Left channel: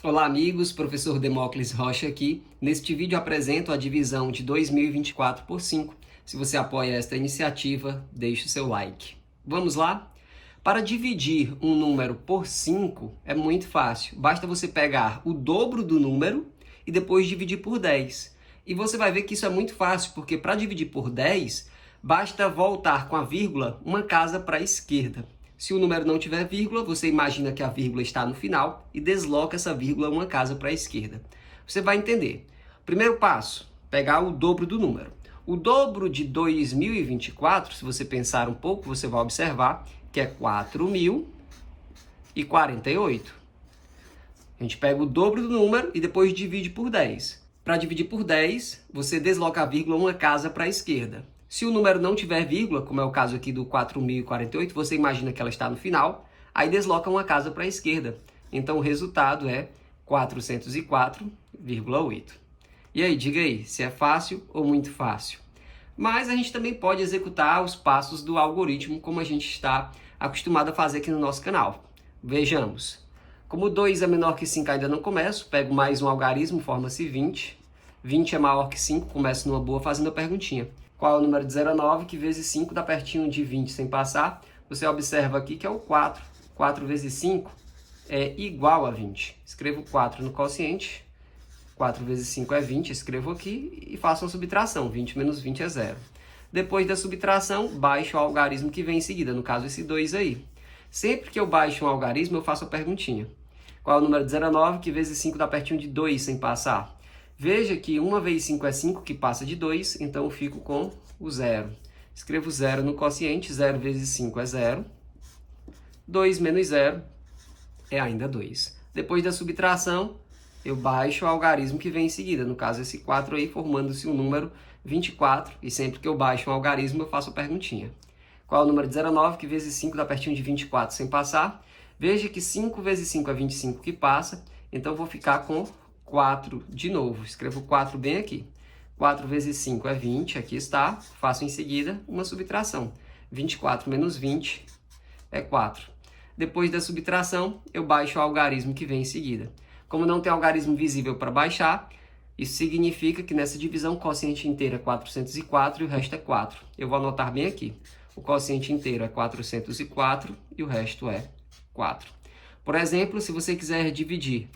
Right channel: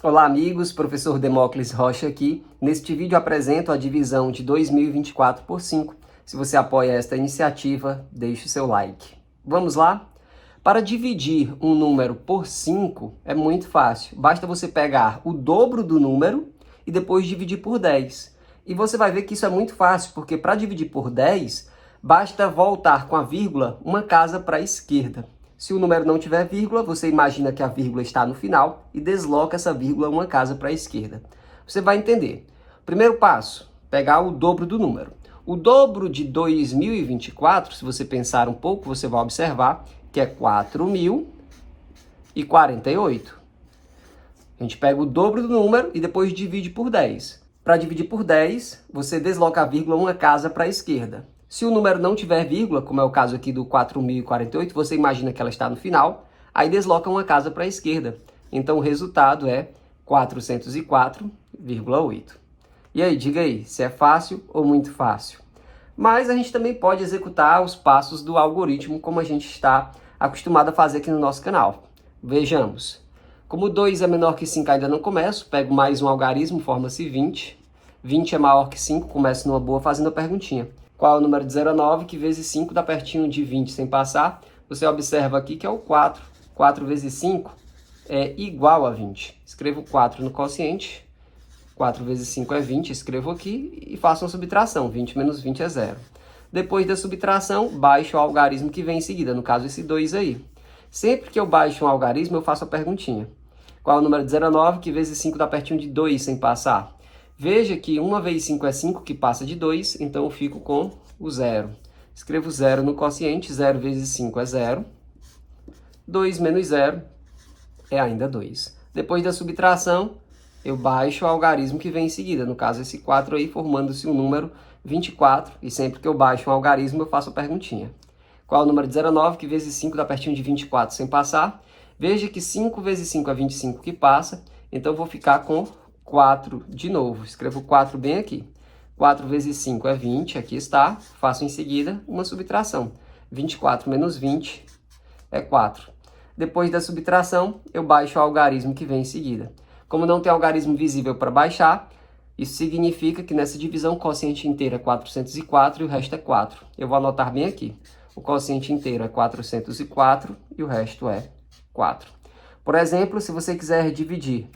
Olá amigos, professor Demócles Rocha aqui. Neste vídeo apresento a divisão de 2024 por 5. Se você apoia esta iniciativa, deixe o seu like. Vamos lá? Para dividir um número por 5 é muito fácil. Basta você pegar o dobro do número e depois dividir por 10. E você vai ver que isso é muito fácil, porque para dividir por 10, basta voltar com a vírgula uma casa para a esquerda. Se o número não tiver vírgula, você imagina que a vírgula está no final e desloca essa vírgula uma casa para a esquerda. Você vai entender. Primeiro passo, pegar o dobro do número. O dobro de 2024, se você pensar um pouco, você vai observar que é 4.048. A gente pega o dobro do número e depois divide por 10. Para dividir por 10, você desloca a vírgula uma casa para a esquerda. Se o número não tiver vírgula, como é o caso aqui do 4.048, você imagina que ela está no final, aí desloca uma casa para a esquerda. Então o resultado é 404,8. E aí, diga aí, se é fácil ou muito fácil? Mas a gente também pode executar os passos do algoritmo como a gente está acostumado a fazer aqui no nosso canal. Vejamos. Como 2 é menor que 5 ainda não começo, pego mais um algarismo, forma-se 20. 20 é maior que 5, começo numa boa fazendo a perguntinha. Qual é o número de 0 a 9 que vezes 5 dá pertinho de 20 sem passar? Você observa aqui que é o 4. 4 vezes 5 é igual a 20. Escrevo 4 no quociente. 4 vezes 5 é 20, escrevo aqui e faço uma subtração. 20 menos 20 é 0. Depois da subtração, baixo o algarismo que vem em seguida, no caso esse 2 aí. Sempre que eu baixo um algarismo, eu faço a perguntinha. Qual é o número de 0 a 9 que vezes 5 dá pertinho de 2 sem passar? Veja que 1 vezes 5 é 5, que passa de 2, então eu fico com o 0. Escrevo 0 no quociente, 0 vezes 5 é 0. 2 menos 0 é ainda 2. Depois da subtração, eu baixo o algarismo que vem em seguida, no caso esse 4 aí, formando-se o número 24, e sempre que eu baixo um algarismo, eu faço a perguntinha. Qual é o número de 0 a 9 que vezes 5 dá pertinho de 24 sem passar? Veja que 5 vezes 5 é 25 que passa, então eu vou ficar com 4 de novo. Escrevo 4 bem aqui. 4 vezes 5 é 20, aqui está. Faço em seguida uma subtração. 24 menos 20 é 4. Depois da subtração, eu baixo o algarismo que vem em seguida. Como não tem algarismo visível para baixar, isso significa que nessa divisão o quociente inteiro é 404 e o resto é 4. Eu vou anotar bem aqui. O quociente inteiro é 404 e o resto é 4. Por exemplo, se você quiser dividir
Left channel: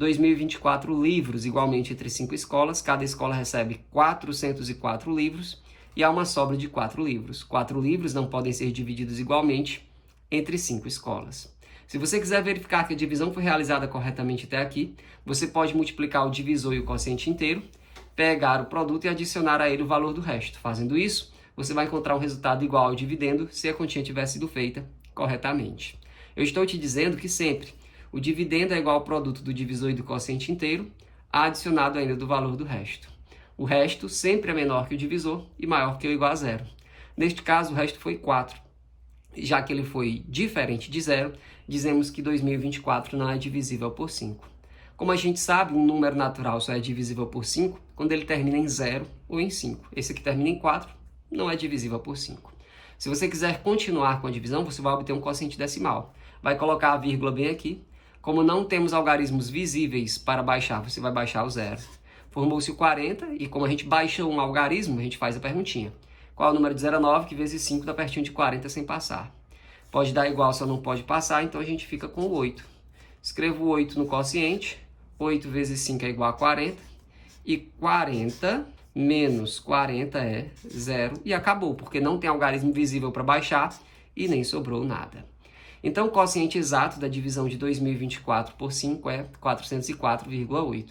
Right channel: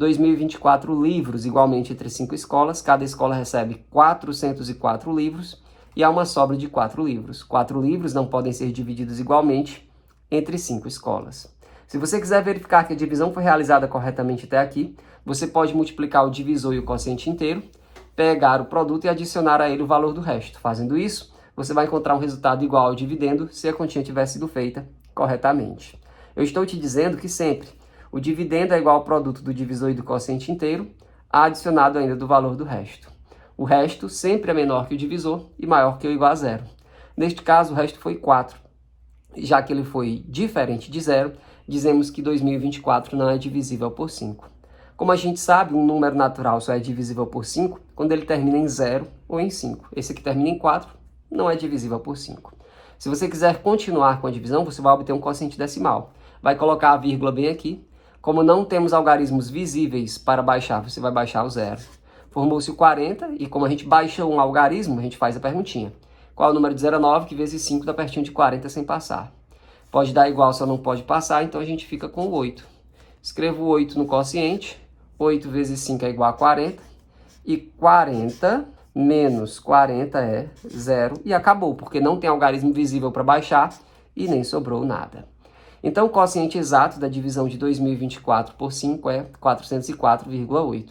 2024 livros igualmente entre 5 escolas, cada escola recebe 404 livros e há uma sobra de 4 livros. 4 livros não podem ser divididos igualmente entre 5 escolas. Se você quiser verificar que a divisão foi realizada corretamente até aqui, você pode multiplicar o divisor e o quociente inteiro, pegar o produto e adicionar a ele o valor do resto. Fazendo isso, você vai encontrar um resultado igual ao dividendo se a continha tiver sido feita corretamente. Eu estou te dizendo que sempre o dividendo é igual ao produto do divisor e do quociente inteiro, adicionado ainda do valor do resto. O resto sempre é menor que o divisor e maior que ou igual a zero. Neste caso, o resto foi 4. Já que ele foi diferente de zero, dizemos que 2024 não é divisível por 5. Como a gente sabe, um número natural só é divisível por 5 quando ele termina em 0 ou em 5. Esse aqui termina em 4, não é divisível por 5. Se você quiser continuar com a divisão, você vai obter um quociente decimal. Vai colocar a vírgula bem aqui. Como não temos algarismos visíveis para baixar, você vai baixar o 0. Formou-se o 40 e como a gente baixa um algarismo, a gente faz a perguntinha. Qual é o número de 0 a 9 que vezes 5 dá pertinho de 40 sem passar? Pode dar igual, só não pode passar, então a gente fica com o 8. Escrevo 8 no quociente. 8 vezes 5 é igual a 40. E 40 menos 40 é 0. E acabou, porque não tem algarismo visível para baixar e nem sobrou nada. Então, o quociente exato da divisão de 2024 por 5 é 404,8.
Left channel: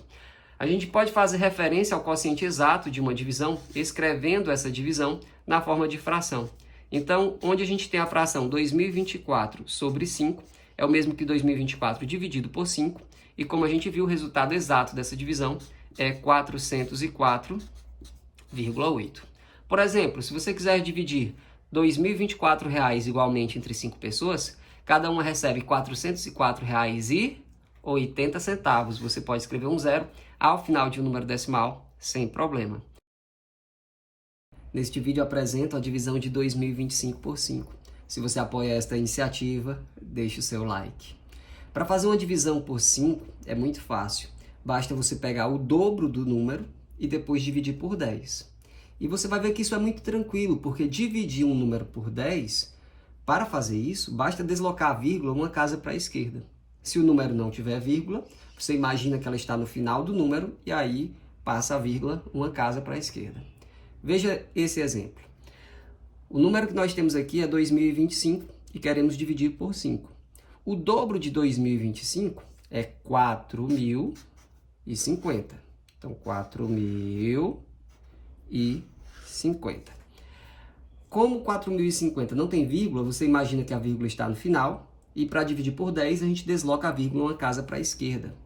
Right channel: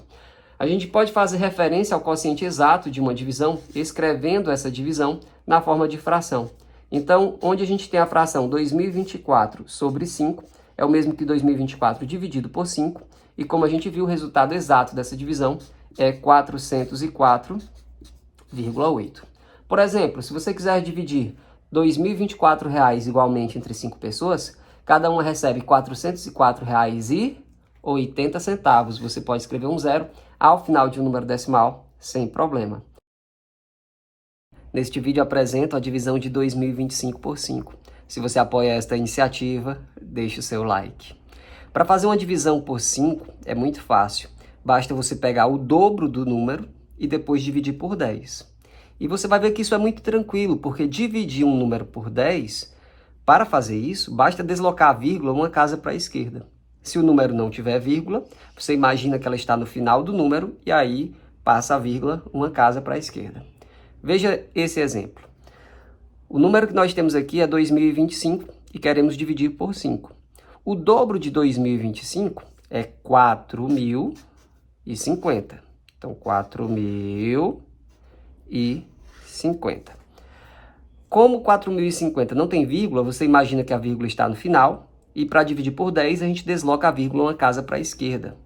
A gente pode fazer referência ao quociente exato de uma divisão escrevendo essa divisão na forma de fração. Então, onde a gente tem a fração 2024 sobre 5, é o mesmo que 2024 dividido por 5, e como a gente viu, o resultado exato dessa divisão é 404,8. Por exemplo, se você quiser dividir R$ 2.024 igualmente entre 5 pessoas, cada uma recebe R$ 404,80. Você pode escrever um 0 ao final de um número decimal sem problema. Neste vídeo apresento a divisão de 2025 por 5. Se você apoia esta iniciativa, deixe o seu like. Para fazer uma divisão por 5 é muito fácil. Basta você pegar o dobro do número e depois dividir por 10. E você vai ver que isso é muito tranquilo, porque dividir um número por 10, para fazer isso, basta deslocar a vírgula uma casa para a esquerda. Se o número não tiver vírgula, você imagina que ela está no final do número e aí passa a vírgula uma casa para a esquerda. Veja esse exemplo. O número que nós temos aqui é 2025 e queremos dividir por 5. O dobro de 2025 é 4.050. Então, 4.050. Como 4.050 não tem vírgula, você imagina que a vírgula está no final. E para dividir por 10, a gente desloca a vírgula uma casa para a esquerda.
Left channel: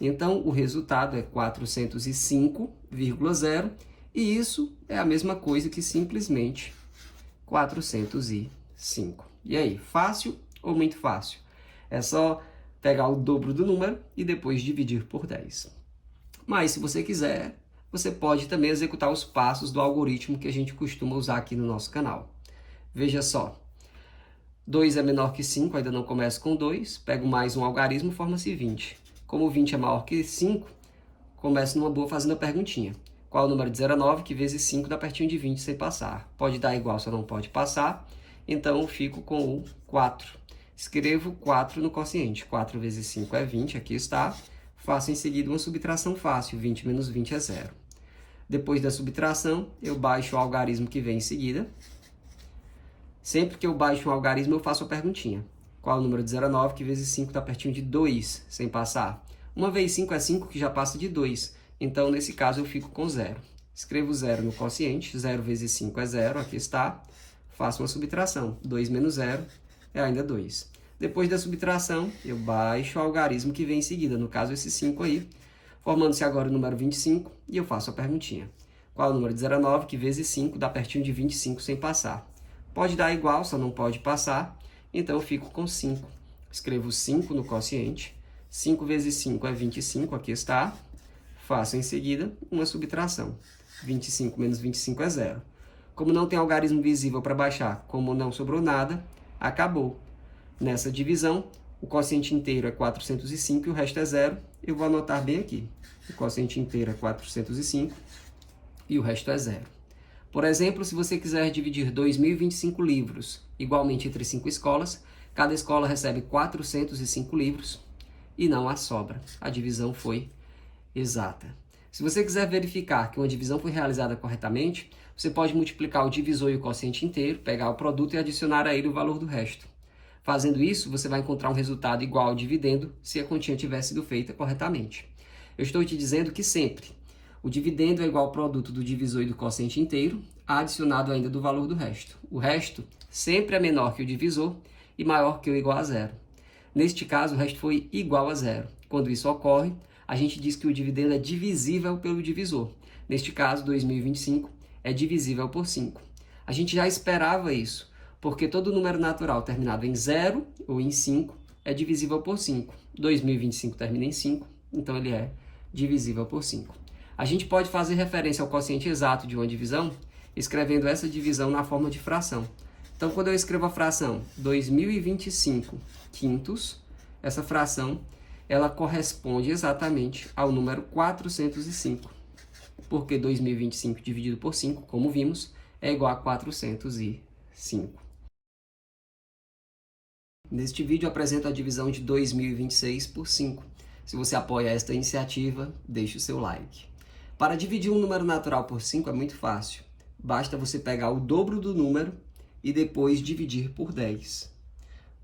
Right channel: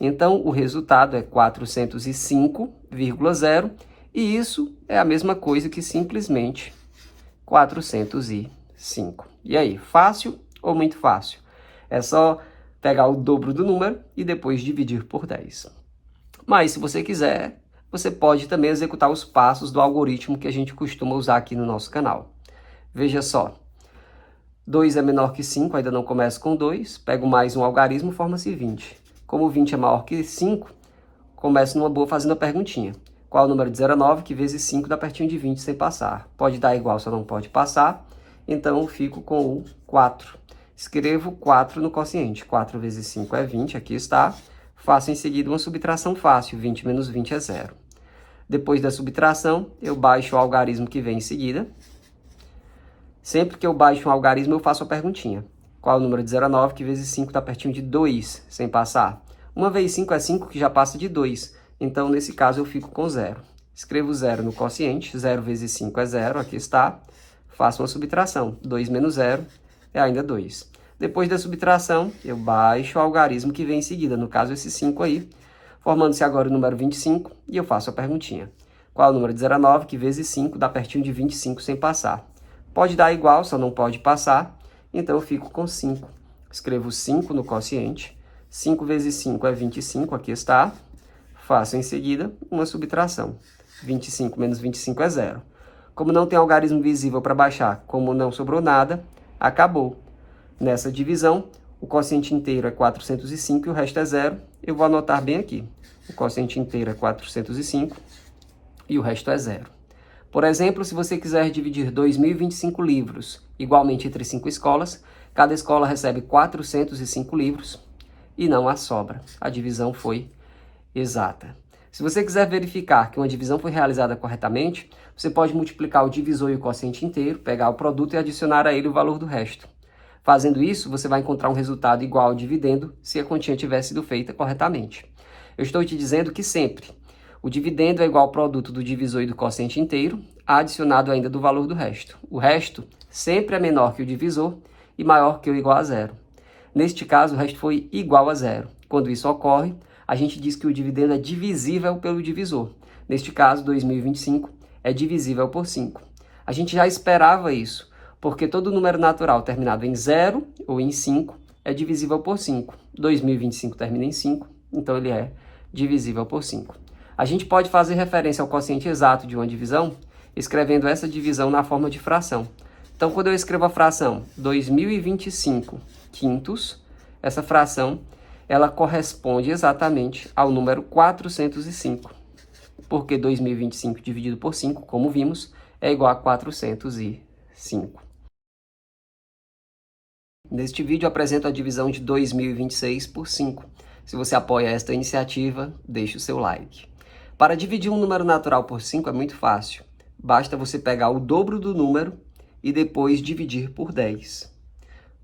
Então, o resultado é 405,0. E isso é a mesma coisa que simplesmente 405. E aí, fácil ou muito fácil? É só pegar o dobro do número e depois dividir por 10. Mas, se você quiser, você pode também executar os passos do algoritmo que a gente costuma usar aqui no nosso canal. Veja só, 2 é menor que 5, ainda não começo com 2, pego mais um algarismo, forma-se 20. Como 20 é maior que 5, começo numa boa fazendo a perguntinha. Qual o número de 0 a 9 que vezes 5 dá pertinho de 20 sem passar? Pode dar igual, só não pode passar. Então, fico com o 4. Escrevo 4 no quociente. 4 vezes 5 é 20, aqui está. Faço em seguida uma subtração fácil, 20 menos 20 é 0. Depois da subtração, eu baixo o algarismo que vem em seguida. Sempre que eu baixo um algarismo, eu faço a perguntinha. Qual é o número de 0 a 9 que vezes 5 dá pertinho de 2 sem passar? 1 vezes 5 é 5, que já passa de 2. Então, nesse caso, eu fico com 0. Escrevo 0 no quociente. 0 vezes 5 é 0, aqui está. Faço uma subtração. 2 menos 0 é ainda 2. Depois da subtração, eu baixo o algarismo que vem em seguida, no caso esse 5 aí, formando-se agora o número 25, e eu faço a perguntinha. Qual é o número de 0 a 9 que vezes 5 dá pertinho de 25 sem passar? Pode dar igual, só não pode passar, então eu fico com 5. Escrevo 5 no quociente. 5 vezes 5 é 25, aqui está. Faço em seguida uma subtração. 25 menos 25 é 0. Como não tem algarismo visível para baixar, como não sobrou nada, acabou. Nessa divisão, o quociente inteiro é 405 e o resto é 0. Eu vou anotar bem aqui. O quociente inteiro é 405 e o resto é 0. Por exemplo, se você quiser dividir 2.025 livros igualmente entre 5 escolas, cada escola recebe 405 livros e não há sobra. A divisão foi exata. Se você quiser verificar que uma divisão foi realizada corretamente, você pode multiplicar o divisor e o quociente inteiro, pegar o produto e adicionar a ele o valor do resto. Fazendo isso, você vai encontrar um resultado igual ao dividendo se a continha tiver sido feita corretamente. Eu estou te dizendo que sempre o dividendo é igual ao produto do divisor e do quociente inteiro, adicionado ainda do valor do resto. O resto sempre é menor que o divisor e maior que ou igual a 0. Neste caso, o resto foi igual a 0. Quando isso ocorre, a gente diz que o dividendo é divisível pelo divisor. Neste caso, 2025 é divisível por 5. A gente já esperava isso, porque todo número natural terminado em 0 ou em 5 é divisível por 5. 2025 termina em 5, então ele é divisível por 5. A gente pode fazer referência ao quociente exato de uma divisão, escrevendo essa divisão na forma de fração. Então, quando eu escrevo a fração 2025 quintos, essa fração ela corresponde exatamente ao número 405, porque 2025 dividido por 5, como vimos, é igual a 405. Neste vídeo eu apresento a divisão de 2026 por 5. Se você apoia esta iniciativa, deixe o seu like. Para dividir um número natural por 5 é muito fácil. Basta você pegar o dobro do número e depois dividir por 10.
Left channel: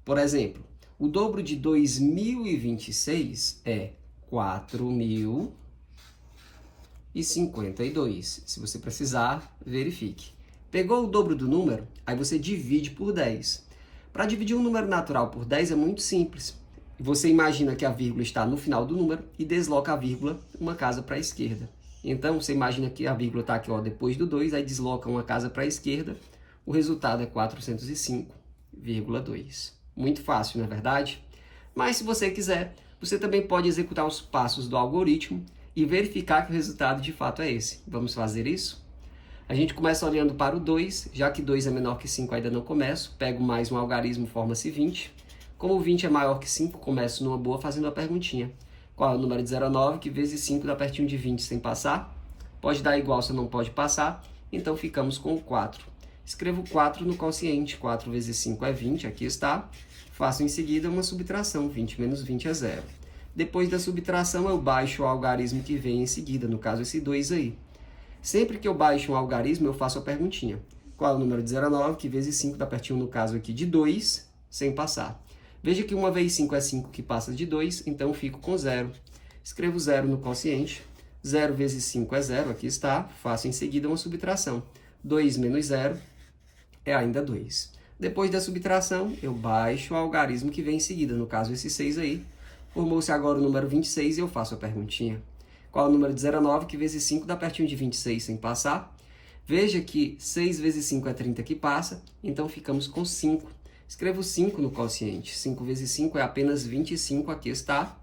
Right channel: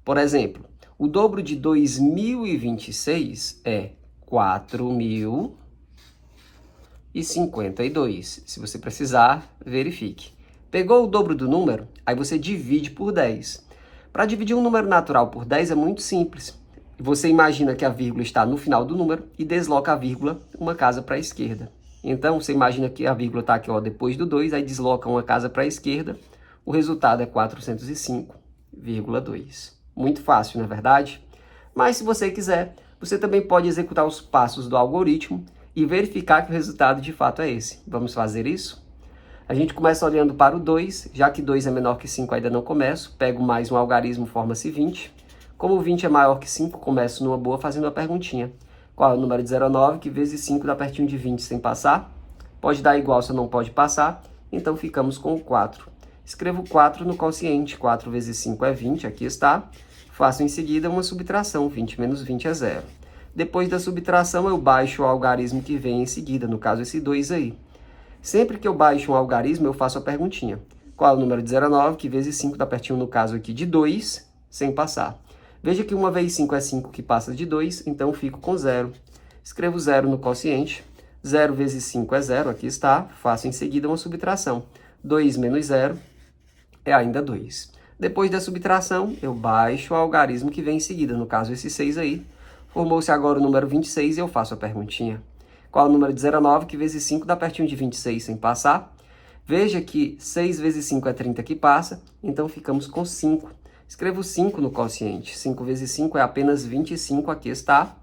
Por exemplo, o dobro de 2026 é 4.052. Se você precisar, verifique. Pegou o dobro do número, aí você divide por 10. Para dividir um número natural por 10 é muito simples. Você imagina que a vírgula está no final do número e desloca a vírgula uma casa para a esquerda. Então, você imagina que a vírgula está aqui depois do 2, aí desloca uma casa para a esquerda. O resultado é 405,2. Muito fácil, não é verdade? Mas se você quiser, você também pode executar os passos do algoritmo e verificar que o resultado de fato é esse. Vamos fazer isso? A gente começa olhando para o 2, já que 2 é menor que 5, ainda não começo. Pego mais um algarismo, forma-se 20. Como 20 é maior que 5, começo numa boa fazendo a perguntinha. Qual é o número de 0 a 9, que vezes 5 dá pertinho de 20 sem passar? Pode dar igual, só não pode passar, então ficamos com o 4. Escrevo 4 no quociente, 4 vezes 5 é 20, aqui está. Faço em seguida uma subtração, 20 menos 20 é 0. Depois da subtração, eu baixo o algarismo que vem em seguida, no caso esse 2 aí. Sempre que eu baixo um algarismo, eu faço a perguntinha. Qual é o número de 0 a 9, que vezes 5 dá pertinho, no caso aqui, de 2, sem passar. Veja que 1 vezes 5 é 5, que passa de 2, então eu fico com 0. Escrevo 0 no quociente. 0 vezes 5 é 0, aqui está. Faço em seguida uma subtração. 2 menos 0 é ainda 2. Depois da subtração, eu baixo o algarismo que vem em seguida, no caso esse 6 aí. Formou-se agora o número 26 e eu faço a perguntinha. Qual é o número de 0 a 9, que vezes 5 dá pertinho de 26 sem passar? Veja que 6 vezes 5 é 30 que passa, então ficamos com 5. Escrevo 5 no quociente. 5 vezes 5 é apenas 25, aqui está.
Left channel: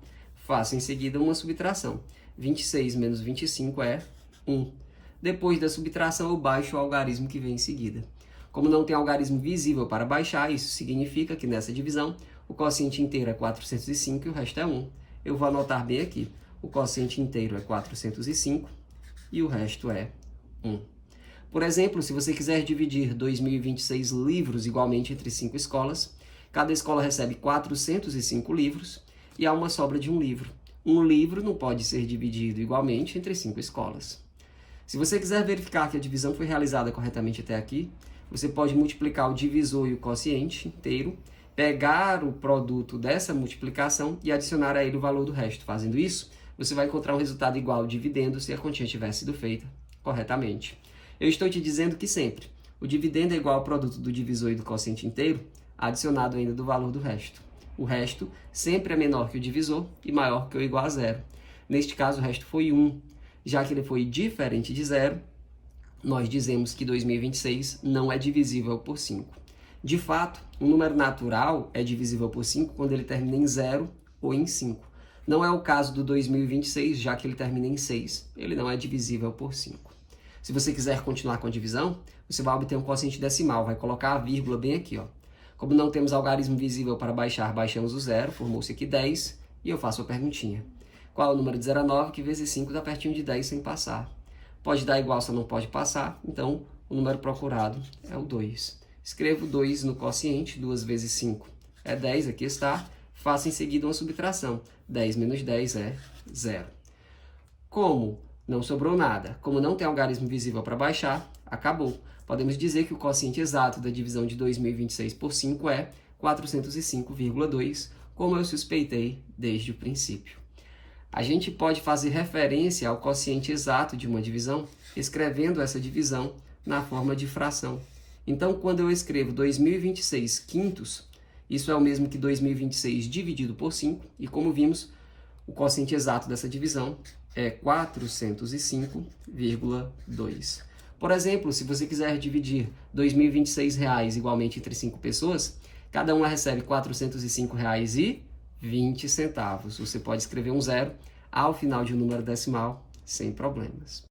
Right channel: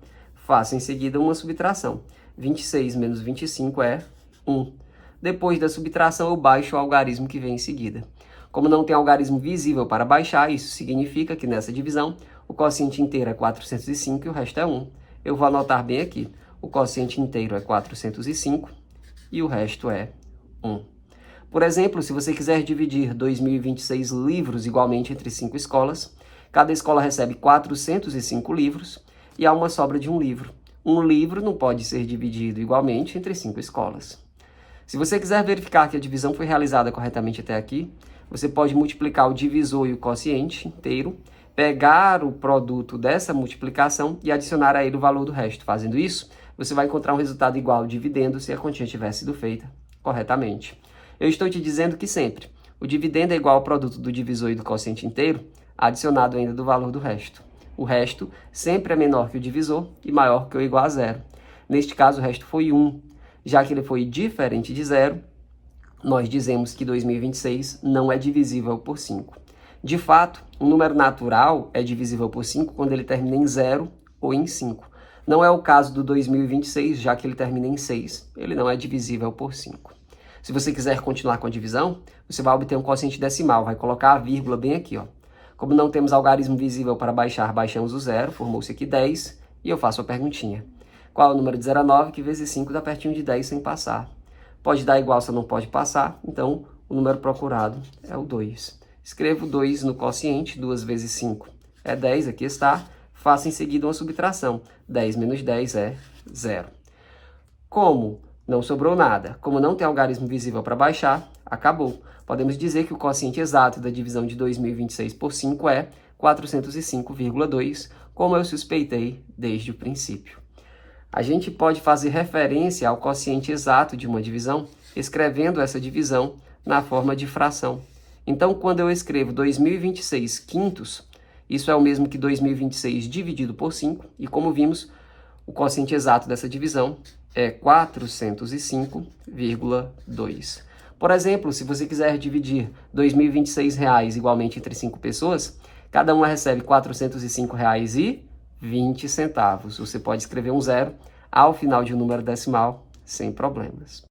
Faço em seguida uma subtração. 26 menos 25 é 1. Depois da subtração, eu baixo o algarismo que vem em seguida. Como não tem algarismo visível para baixar, isso significa que nessa divisão, o quociente inteiro é 405 e o resto é 1. Eu vou anotar bem aqui. O quociente inteiro é 405 e o resto é 1. Por exemplo, se você quiser dividir 2026 livros igualmente entre 5 escolas, cada escola recebe 405 livros e há uma sobra de um livro. Um livro não pode ser dividido igualmente entre 5 escolas. Se você quiser verificar que a divisão foi realizada corretamente até aqui, você pode multiplicar o divisor e o quociente inteiro, pegar o produto dessa multiplicação e adicionar a ele o valor do resto. Fazendo isso, você vai encontrar um resultado igual ao dividendo se a continha tivesse sido feita corretamente. Eu estou te dizendo que sempre o dividendo é igual ao produto do divisor e do quociente inteiro, adicionado ainda do valor do resto. O resto sempre é menor que o divisor e maior que ou igual a 0. Neste caso, o resto foi 1. Já que ele foi diferente de 0, nós dizemos que 2026 não é divisível por 5. De fato, um número natural é divisível por 5 quando ele termina em 0 ou em 5. Não é o caso do 2026, já que ele termina em 6. Ele não é divisível por 5. Se você quiser continuar com a divisão, você vai obter um quociente decimal, vai colocar a vírgula bem aqui, ó. Como não temos algarismo visível para baixar, baixamos o 0, formou-se aqui 10, e eu faço a perguntinha. Qual é o número de 0 a 9, que vezes 5 dá pertinho de 10 sem passar? Pode dar igual, só não pode passar, então o número procurado é o 2. Escrevo 2 no quociente, 2 vezes 5 é 10, aqui está. Faço em seguida uma subtração. 10 menos 10 é 0. Como não sobrou nada, como não tem algarismo visível para baixar, acabou. Podemos dizer que o quociente exato da divisão de 2026 por 5 é 405,2, como eu suspeitei desde o princípio. A gente pode fazer referência ao quociente exato de uma divisão, escrevendo essa divisão na forma de fração. Então, quando eu escrevo 2026 quintos, isso é o mesmo que 2026 dividido por 5, e como vimos, o quociente exato dessa divisão é 405,2. Por exemplo, se você quiser dividir R$ 2026 igualmente entre 5 pessoas, cada uma recebe R$ 405,20. Você pode escrever um 0 ao final de um número decimal sem problemas.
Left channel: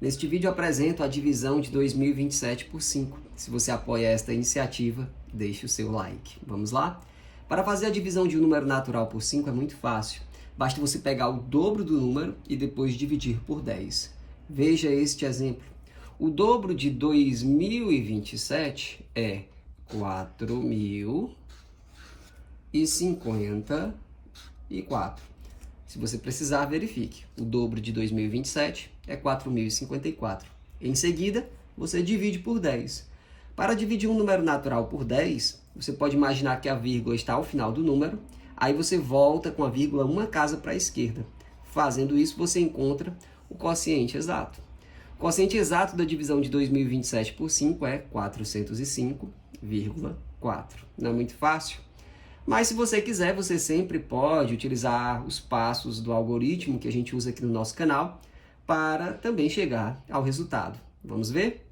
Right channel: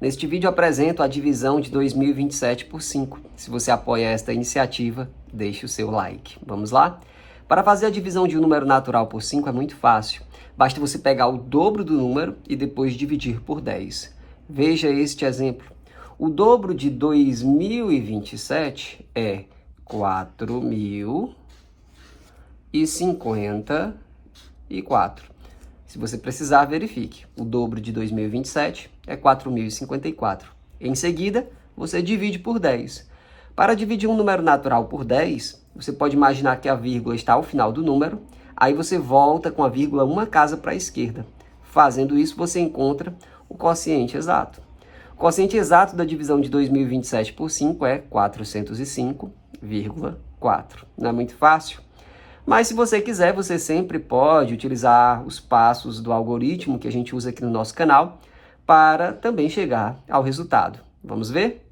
Neste vídeo eu apresento a divisão de 2027 por 5. Se você apoia esta iniciativa, deixe o seu like. Vamos lá? Para fazer a divisão de um número natural por 5 é muito fácil. Basta você pegar o dobro do número e depois dividir por 10. Veja este exemplo. O dobro de 2027 é 4.054. Se você precisar, verifique. O dobro de 2027 é 4.054. Em seguida, você divide por 10. Para dividir um número natural por 10, você pode imaginar que a vírgula está ao final do número, aí você volta com a vírgula uma casa para a esquerda. Fazendo isso, você encontra o quociente exato. O quociente exato da divisão de 2027 por 5 é 405,4. Não é muito fácil? Mas se você quiser, você sempre pode utilizar os passos do algoritmo que a gente usa aqui no nosso canal para também chegar ao resultado. Vamos ver?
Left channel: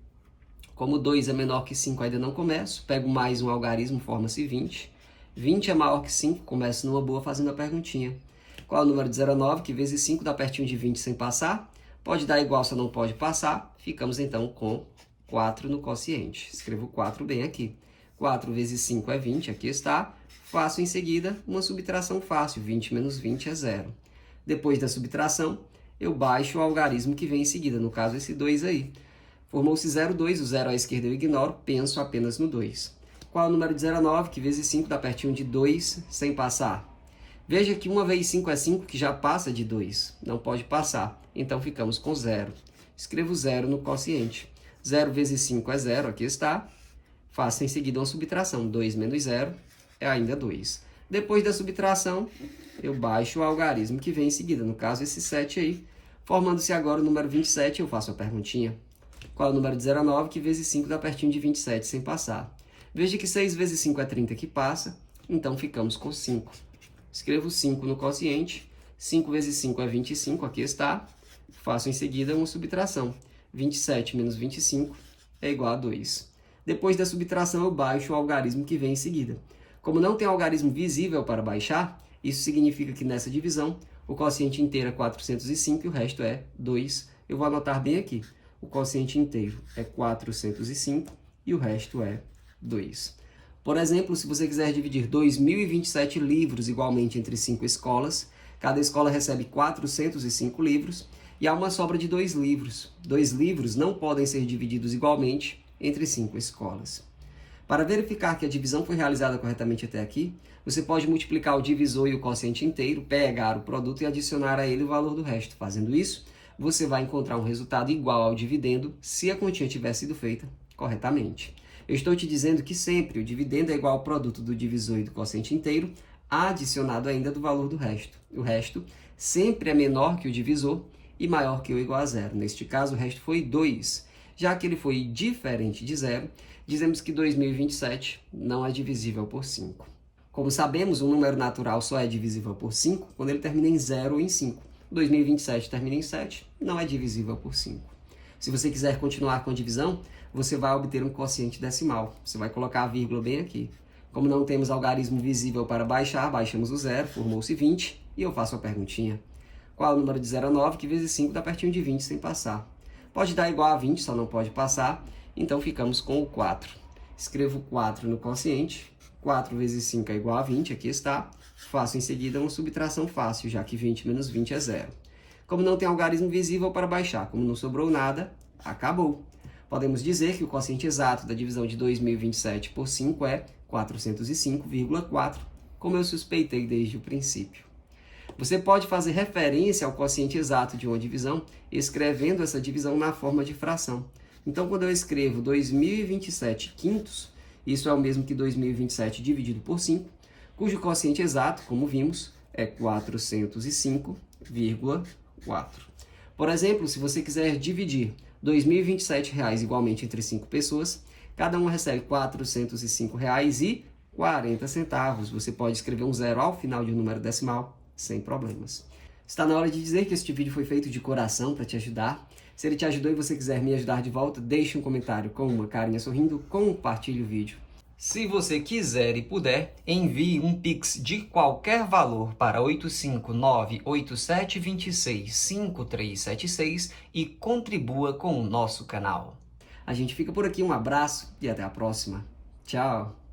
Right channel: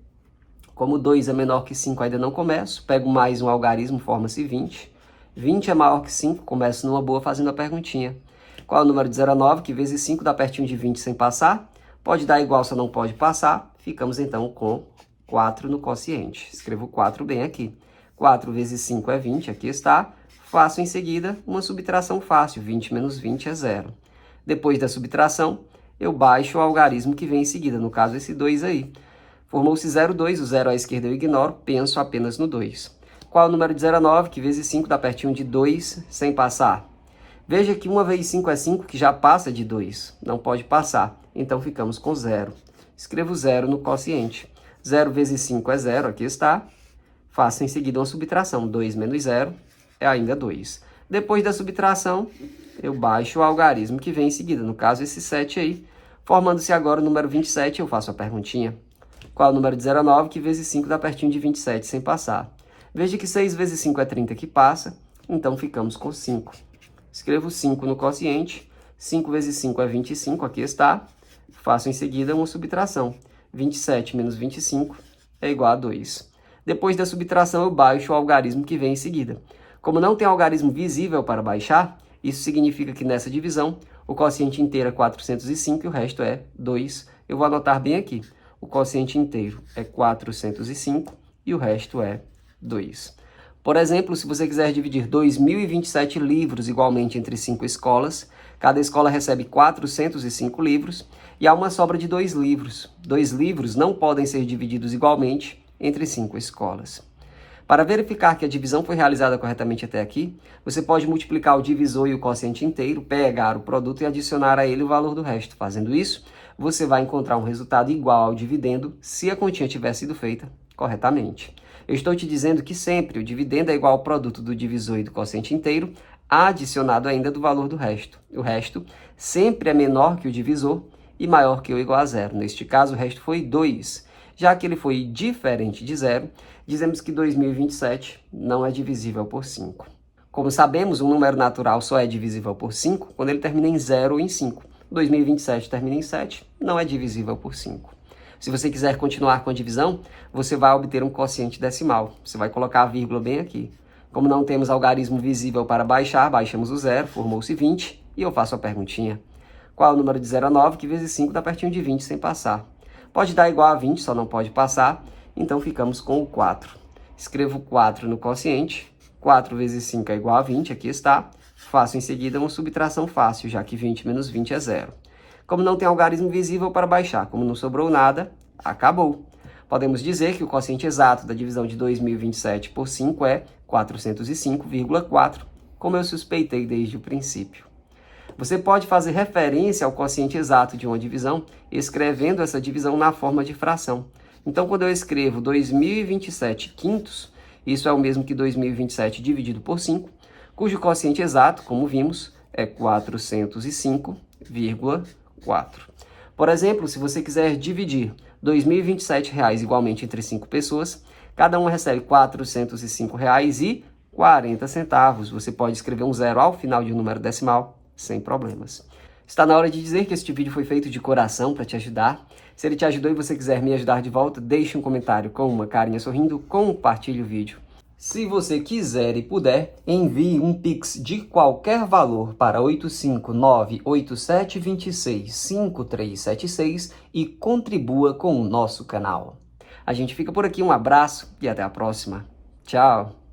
Como 2 é menor que 5, ainda não começo. Pego mais um algarismo, forma-se 20. 20 é maior que 5, começo numa boa fazendo a perguntinha. Qual é o número de 0 a 9, que vezes 5 dá pertinho de 20 sem passar? Pode dar igual, só não pode passar. Ficamos então com 4 no quociente. Escrevo 4 bem aqui. 4 vezes 5 é 20, aqui está. Faço em seguida uma subtração fácil, 20 menos 20 é 0. Depois da subtração, eu baixo o algarismo que vem em seguida, no caso esse 2 aí. Formou-se 0, 2, o 0 à esquerda eu ignoro, penso apenas no 2. Qual é o número de 0 a 9, que vezes 5 dá pertinho de 2 sem passar? Veja que 1 vezes 5 é 5, que já passa de 2, não pode passar, então ficamos com 0. Escrevo 0 no quociente. 0 vezes 5 é 0, aqui está. Faço em seguida uma subtração, 2 menos 0 é ainda 2. Depois da subtração, eu baixo o algarismo que vem em seguida, no caso esse 7 aí. Formando-se agora o número 27, eu faço a perguntinha. Qual é o número de 0 a 9, que vezes 5 dá pertinho de 27 sem passar? Veja que 6 vezes 5 é 30 que passa, então ficamos com 5. Escrevo 5 no quociente, 5 vezes 5 é 25, aqui está. Faço em seguida uma subtração, 27 menos 25 é igual a 2. Depois da subtração eu baixo o algarismo que vem em seguida. Como não tem algarismo visível para baixar, isso significa que nessa divisão o quociente inteiro é 405 e o resto é 2. Eu vou anotar bem aqui, o quociente inteiro é 405 e o resto é 2. Por exemplo, se você quiser dividir 2.027 livros igualmente entre 5 escolas, cada escola recebe 405 livros e há uma sobra de 2 livros. 2 livros não podem ser divididos igualmente entre 5 escolas. Para verificar que a divisão foi realizada corretamente até aqui, você pode multiplicar o divisor e o quociente inteiro, pegar o produto e adicionar a ele o valor do resto. Fazendo isso, você vai encontrar um resultado igual ao dividendo se a continha tiver sido feita corretamente. Eu estou te dizendo que sempre o dividendo é igual ao produto do divisor e do quociente inteiro, adicionado ainda do valor do resto. O resto sempre é menor que o divisor e maior que ou igual a 0. Neste caso, o resto foi 2. Já que ele foi diferente de 0, dizemos que 2027 não é divisível por 5. Como sabemos, um número natural só é divisível por 5 quando ele termina em 0 ou em 5. 2027 termina em 7, não é divisível por 5. Se você quiser continuar com a divisão, você vai obter um quociente decimal. Você vai colocar a vírgula bem aqui. Como não temos algarismo visível para baixar, baixamos o 0, formou-se 20, e eu faço a perguntinha. Qual é o número de 0 a 9, que vezes 5 dá pertinho de 20 sem passar? Pode dar igual a 20, só não pode passar, então ficamos com o 4. Escrevo 4 no quociente, 4 vezes 5 é igual a 20, aqui está. Faço em seguida uma subtração fácil, já que 20 menos 20 é 0. Como não tem algarismo visível para baixar, como não sobrou nada, acabou. Podemos dizer que o quociente exato da divisão de 2027 por 5 é 405,4, como eu suspeitei desde o princípio. Você pode fazer referência ao quociente exato de uma divisão escrevendo essa divisão na forma de fração. Então, quando eu escrevo 2027 quintos, isso é o mesmo que 2027 dividido por 5, cujo quociente exato, como vimos, é 405,4. Por exemplo, se você quiser dividir R$ 2.027 igualmente entre 5 pessoas, cada um recebe R$ 405,40. Você pode escrever um 0 ao final de um número decimal, sem problemas. Está na hora de dizer que este vídeo foi feito de coração para te ajudar. Se ele te ajudou e você quiser me ajudar de volta, deixe um comentário com uma carinha sorrindo, compartilhe o vídeo. Se você quiser e puder, envie um Pix de qualquer valor para 859-8726-5376 e contribua com o nosso canal. A gente fica por aqui, um abraço e até a próxima. Tchau!